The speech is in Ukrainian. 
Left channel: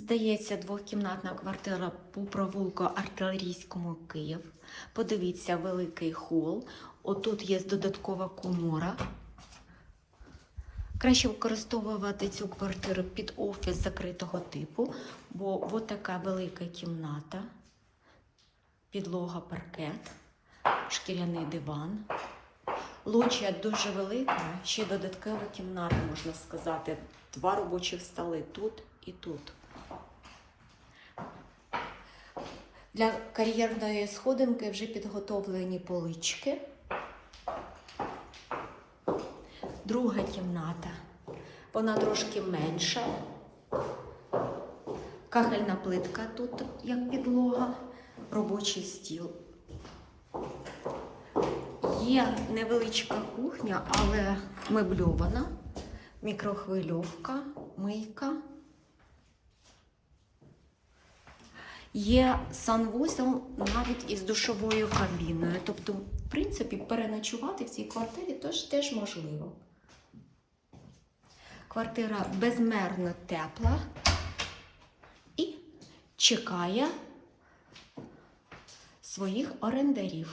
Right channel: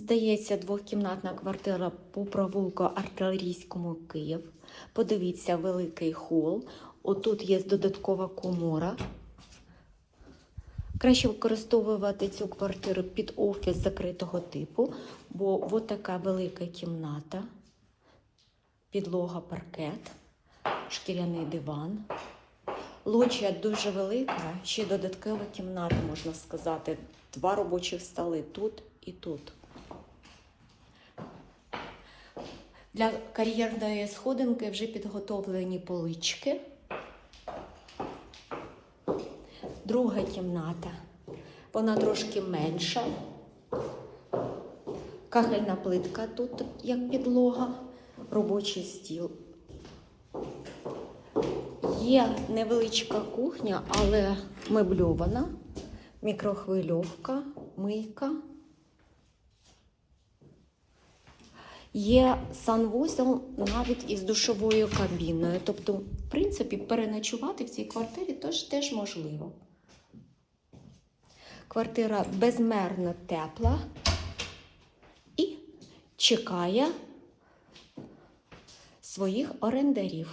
Здається, двохкімнатна квартира по провулку Артилерійському Київ. Подивіться, великий хол. Отут є додаткова комора. Краще використовувати цю квартиру під офіс закритого типу, бо от така велика кімната, підлога паркет, шкіряний диван. Лоджія дуже велика, ще додаткова кімната, можна сказати. Два робочих столи тут і тут. Для кар'єрної сходинки вже підготовлені полички. Друга кімната. Вона трошки менша. Кахельна плитка тут як підлога, робочий стіл. Є невеличка кухня, але мебльована, мікрохвильовка, мийка. Є санвузол навіть із душовою кабіною. Тобто, в принципі, переночувати в цій квартирі теж, теж можливо. Квартира безмерно тепла і чекає своїх орендарів.